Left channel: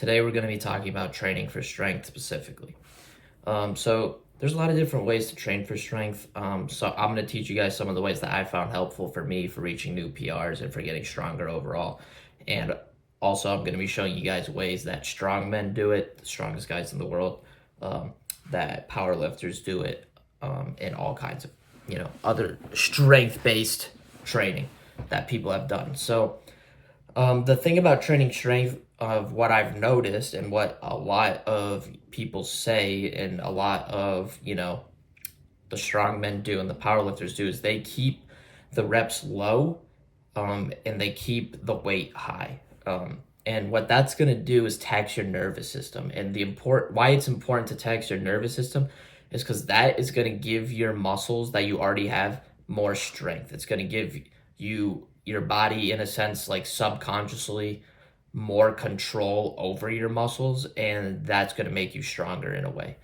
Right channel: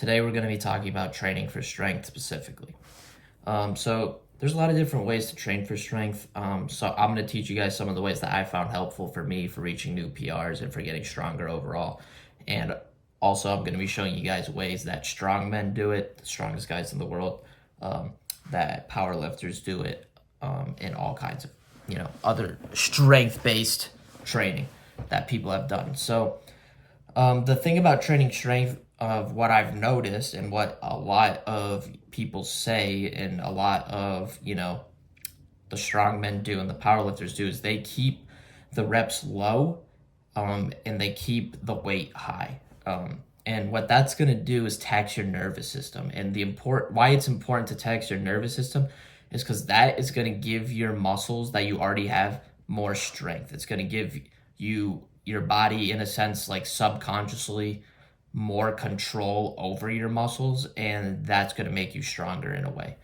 Today we're going to be talking about training for strength specifically. So there's a lot of different ways to train for strength. So I'm going to teach you guys some of the ways that I found helpful for me for reaching new PRs and for getting stronger overall. And also I'm going to be showing you guys ways that strongmen do it, the strongest guys in the world, that powerlifters do it, and all kinds of, other strength-based training that people have done. So the thing about training strength, of what I've noticed and what a lot of people say and a lot of, the strongmen do and the powerlifters do is they keep the reps low, and they keep the weight high. And what that's going to do is tax your nervous system. And why it's important to tax your nervous system is because that is going to give your muscles that you already have more strength. It's going to give your body, in a sense, like subconsciously, more control over your muscles, and that's going to make you stronger in a way.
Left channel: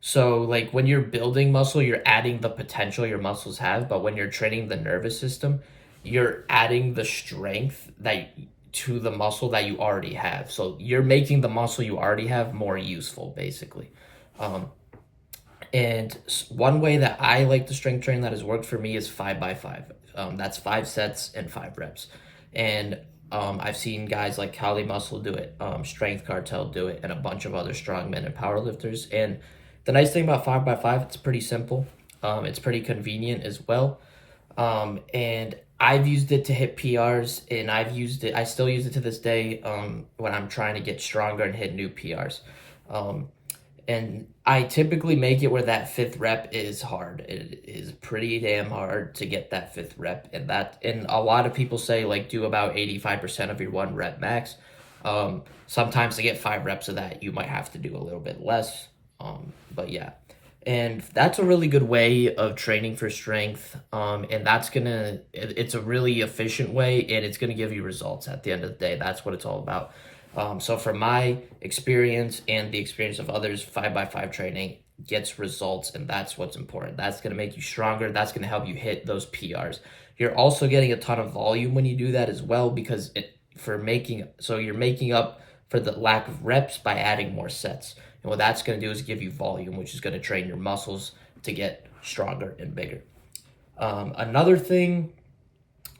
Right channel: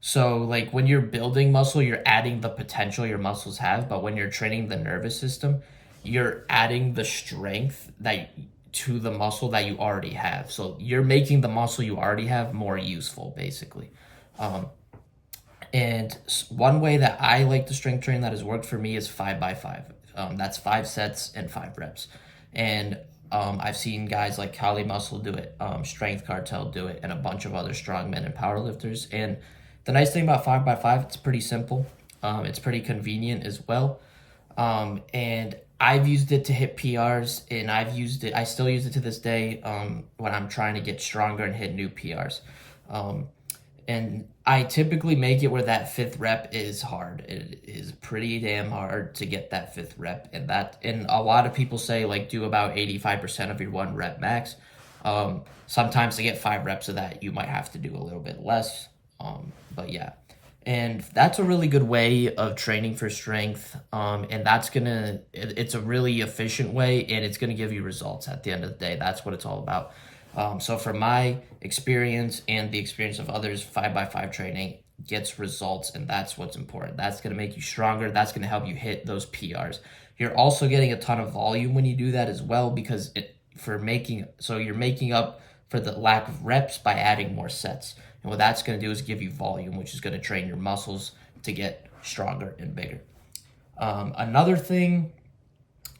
So like when you're building muscle, you're adding the potential your muscles have, but when you're training the nervous system, you're adding the strength to the muscle that you already have. So you're making the muscle you already have more useful, basically. And one way that I like to strength train that has worked for me is 5x5. That's 5 sets and 5 reps. And I've seen guys like Kali Muscle do it, Strength Cartel do it, and a bunch of other strongmen and powerlifters. And the nice thing about 5x5, it's pretty simple. It's pretty convenient as well. And I've used it to hit PRs, and I still use it to this day when I'm trying to get stronger and hit new PRs. And I typically make it where that 5th rep is hard. It is pretty damn hard to get that 5th rep. And a lot of people say, like, do about 85% of your 1 rep max. Sometimes to get 5 reps of that, you might have to do a little bit less. But yeah. And that's a really good way of training for strength. And it's a really efficient way, and it's gonna give you results at the end of the day. That's what it's all about. So from my experience and the experience of others, 5x5 training gets results, and that's what's important. That's going to make you stronger. That's going to help you hit those PRs. You're also getting a ton of volume when you do that as well, because you're making up for the lack of reps by adding more sets. And what that's going to do is give you volume, which is going to train your muscles to get stronger and bigger. Another thing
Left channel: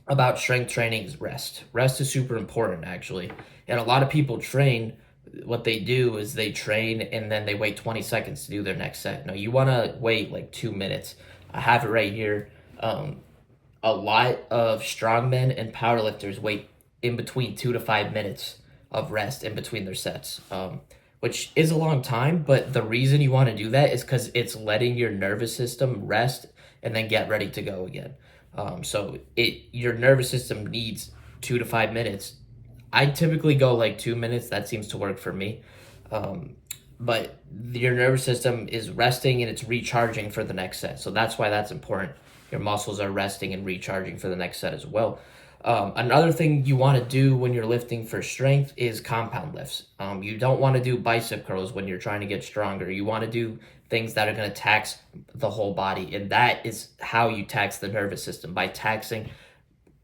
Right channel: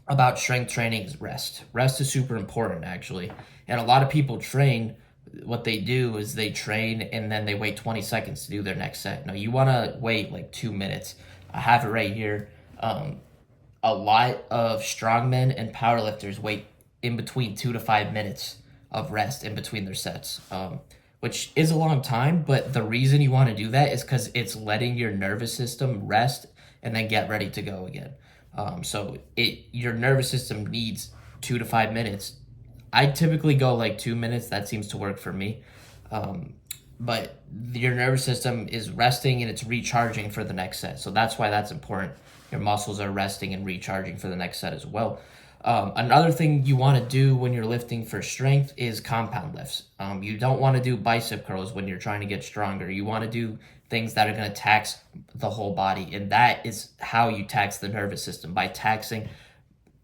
about strength training is rest. Rest is super important, actually. And a lot of people train, what they do is they train and then they wait 20 seconds to do their next set. No, you want to wait like 2 minutes. I have it right here. A lot of strongmen and powerlifters wait in between 2 to 5 minutes of rest in between their sets, which is a long time. But the reason you want to do that is because it's letting your nervous system rest and then get ready to go again. So your nervous system needs 2 to 5 minutes. I typically go like 2 minutes. That seems to work for me. But your nervous system is resting and it's recharging for the next set. So that's why that's important. Your muscles are resting and recharging for the next set as well. Another thing you want to do when you're lifting for strength is compound lifts. You don't want to do bicep curls when you're trying to get stronger. You want to do things that are going to tax the whole body. And that is how you tax the nervous system, by taxing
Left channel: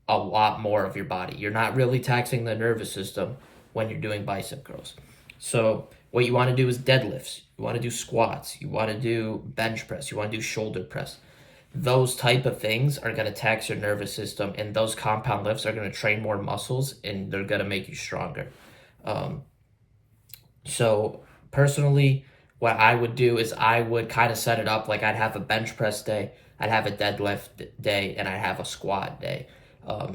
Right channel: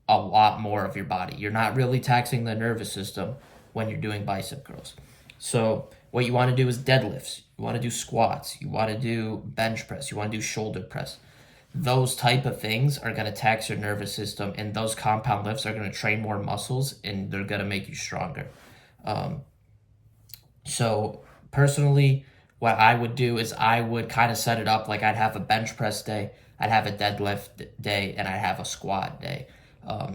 a lot more of your body. You're not really taxing the nervous system when you're doing bicep curls. So what you want to do is deadlifts. You want to do squats. You want to do bench press. You want to do shoulder press. Those type of things are going to tax your nervous system, and those compound lifts are going to train more muscles, and they're going to make you stronger. So personally, what I would do is I would kind of set it up like I'd have a bench press day, I'd have a deadlift day, and I'd have a squat day.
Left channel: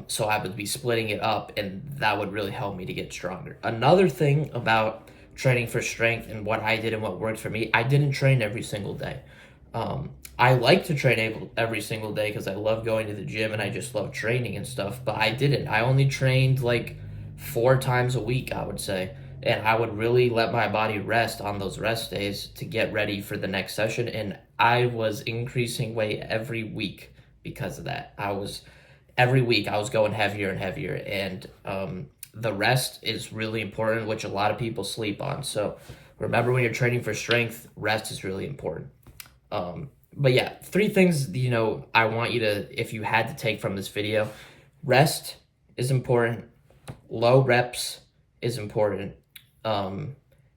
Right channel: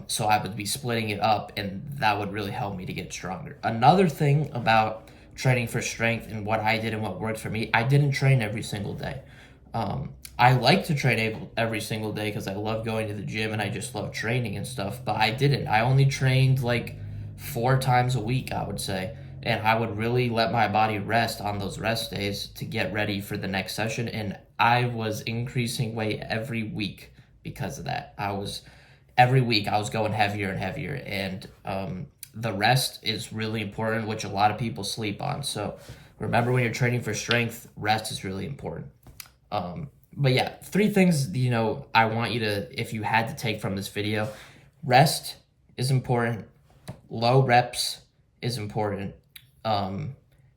So I would be splitting it up, and that would really help me to get stronger. Another thing about training for strength and what I did and what worked for me, I didn't train every single day. I like to train every single day because I love going to the gym and I just love training and stuff, but I didn't. I only trained like 4 times a week, I would say. And I would really let my body rest on those rest days to get ready for the next session. And I was increasing weight every week because of that. Every week I was going heavier and heavier. And the rest is really important, which a lot of people sleep on. So remember, when you're training for strength, rest is really important. But yeah, 3 things, I want you to, if you had to take from this video: rest is important, low reps is important, and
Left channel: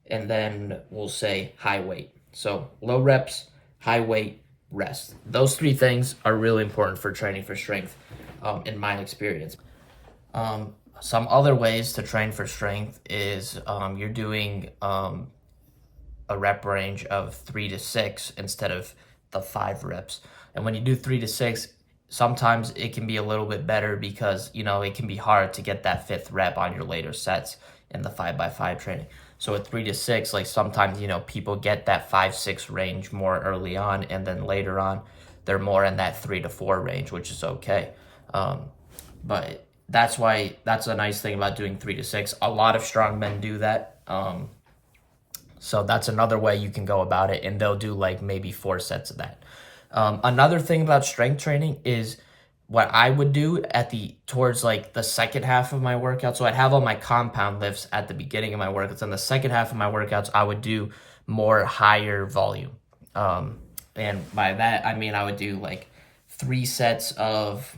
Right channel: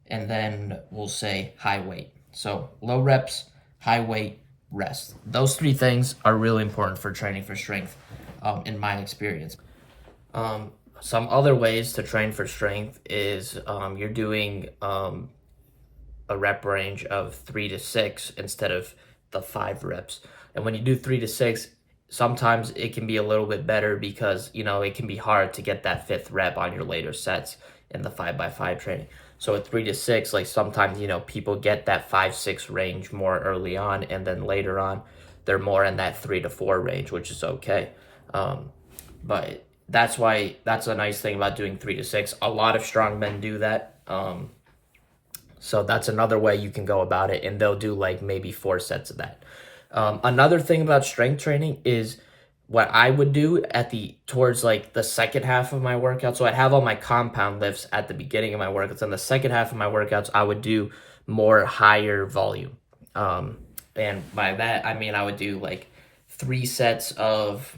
then we'll say high weight. So low reps, high weight, rest. Those three things are really important for training for strength, in my experience. Some other ways to train for strength is you're doing a rep range of 3 to 6 instead of the 5 reps. And when you do 3 to 6, sometimes it can be a little bit better because, it can be hard to get that 5th rep on your later sets in the 5x5 training. So at 3 to 6, like sometimes, people get that 5-6 range more early on, and then later on, they're more in that 3 to 4 range, which is okay. But that's a nice thing about doing 3 to 6. A lot of strongmen do that. So that's another way you can go about it, and they'll do like maybe 4 sets of that. Another thing about strength training is what I would do towards like the second half of my workout. So I'd have all my compound lifts at the beginning of my workouts. And the second half of my workouts, I would do more higher volume. And by that, I mean, I would do like 3 sets of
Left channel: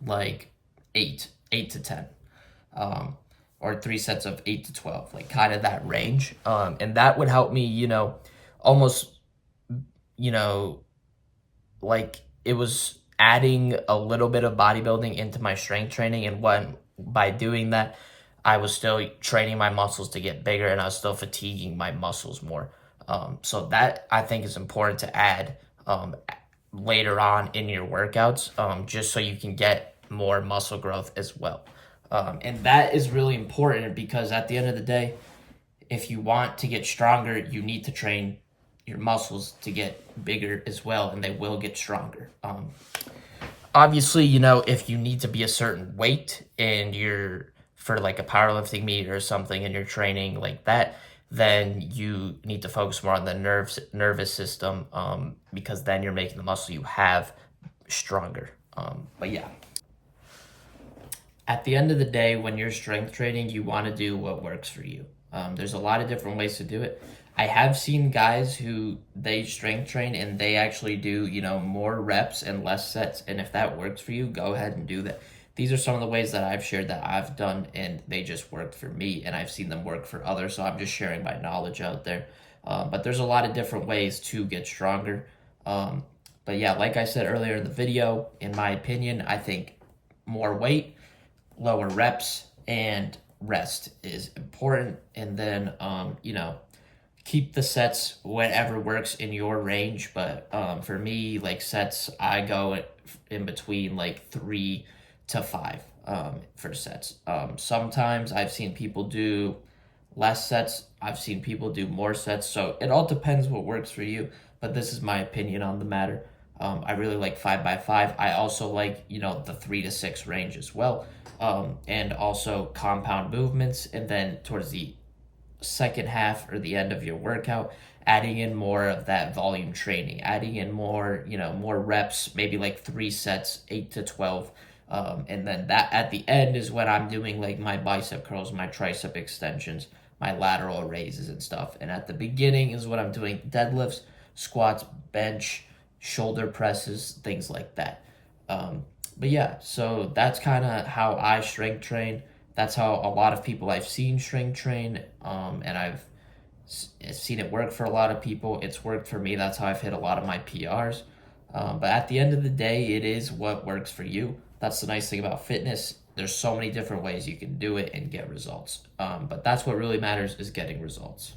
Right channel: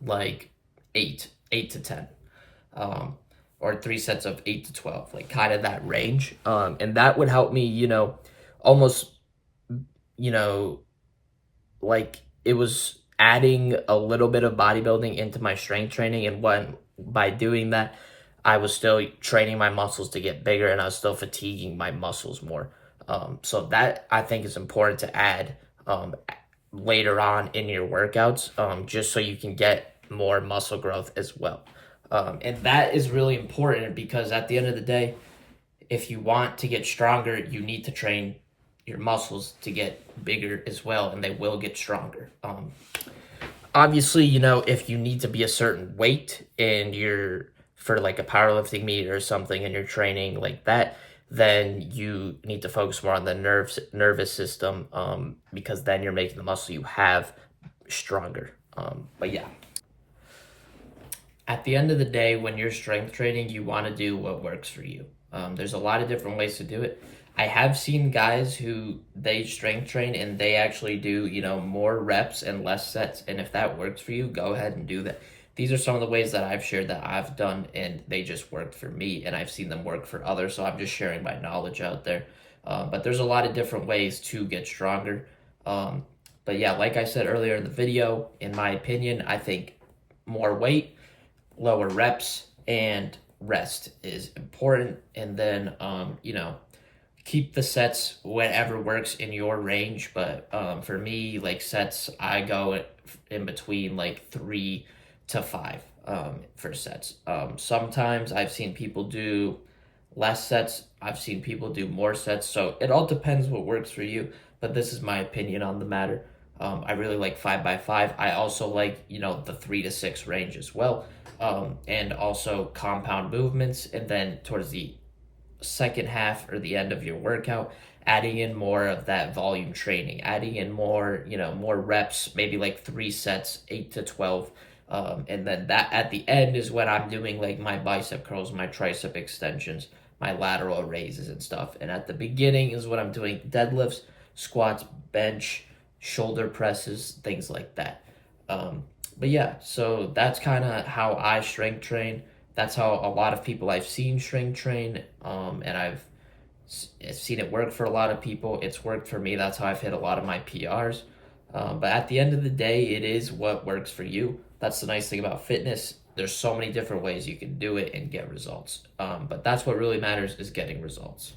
like 8 to 10. Or 3 sets of 8 to 12, like kind of that range. And that would help me, almost, like it was adding a little bit of bodybuilding into my strength training. And by doing that, I was still training my muscles to get bigger, and I was still fatiguing my muscles more. So that I think is important to add later on in your workouts, just so you can get more muscle growth as well. And that is really important because at the end of the day, if you want to get stronger, you need to train your muscles to get bigger as well, and they will get stronger. Obviously, if you need to be a certain weight and you're for like a powerlifting meet or something and you're training like that, then you need to focus more on the nervous system, because then you're making the muscle you have stronger. But yeah. At the end of the day, when you're strength training, you want to do what works for you. There's a lot of different ways to do it. I have seen guys who they strength train and they actually do, more reps and less sets. And if that works for you, go ahead and do that. These are some of the ways that I've shared that I've done, and they just worked for me, and I've seen them work for others. So I'm just sharing my knowledge out there. But there's a lot of different ways to get stronger. But yeah, like I said earlier in the video, in my opinion, I think more weight, lower reps, and rest is important. And then, keep the sets whatever works in your range. But for me, like sets, I go in between like 3 to 5 for sets. Sometimes I've seen people do less sets. I've seen people do more sets. So it all depends what works for you. But this is my opinion on the matter. I really like 5x5. I also like, the 3 to 6 range as well. And also compound movements. And then towards the second half or the end of your workout, adding in more of that volume training, adding in more, more reps, maybe like 3 sets, 8 to 12. And then that at the end is when I'm doing like my bicep curls, my tricep extensions, my lateral raises and stuff. And at the beginning is when I'm doing deadlifts, squats, bench, shoulder presses, things like that. But yeah, so that's kind of how I strength train. That's how a lot of people I've seen strength train, and I've seen it work for a lot of people. It's worked for me. That's how I've hit a lot of my PRs. But at the end of the day, it is what works for you. That's the nice thing about fitness. There's so many different ways you can do it and get results. But that's what really matters, is getting results.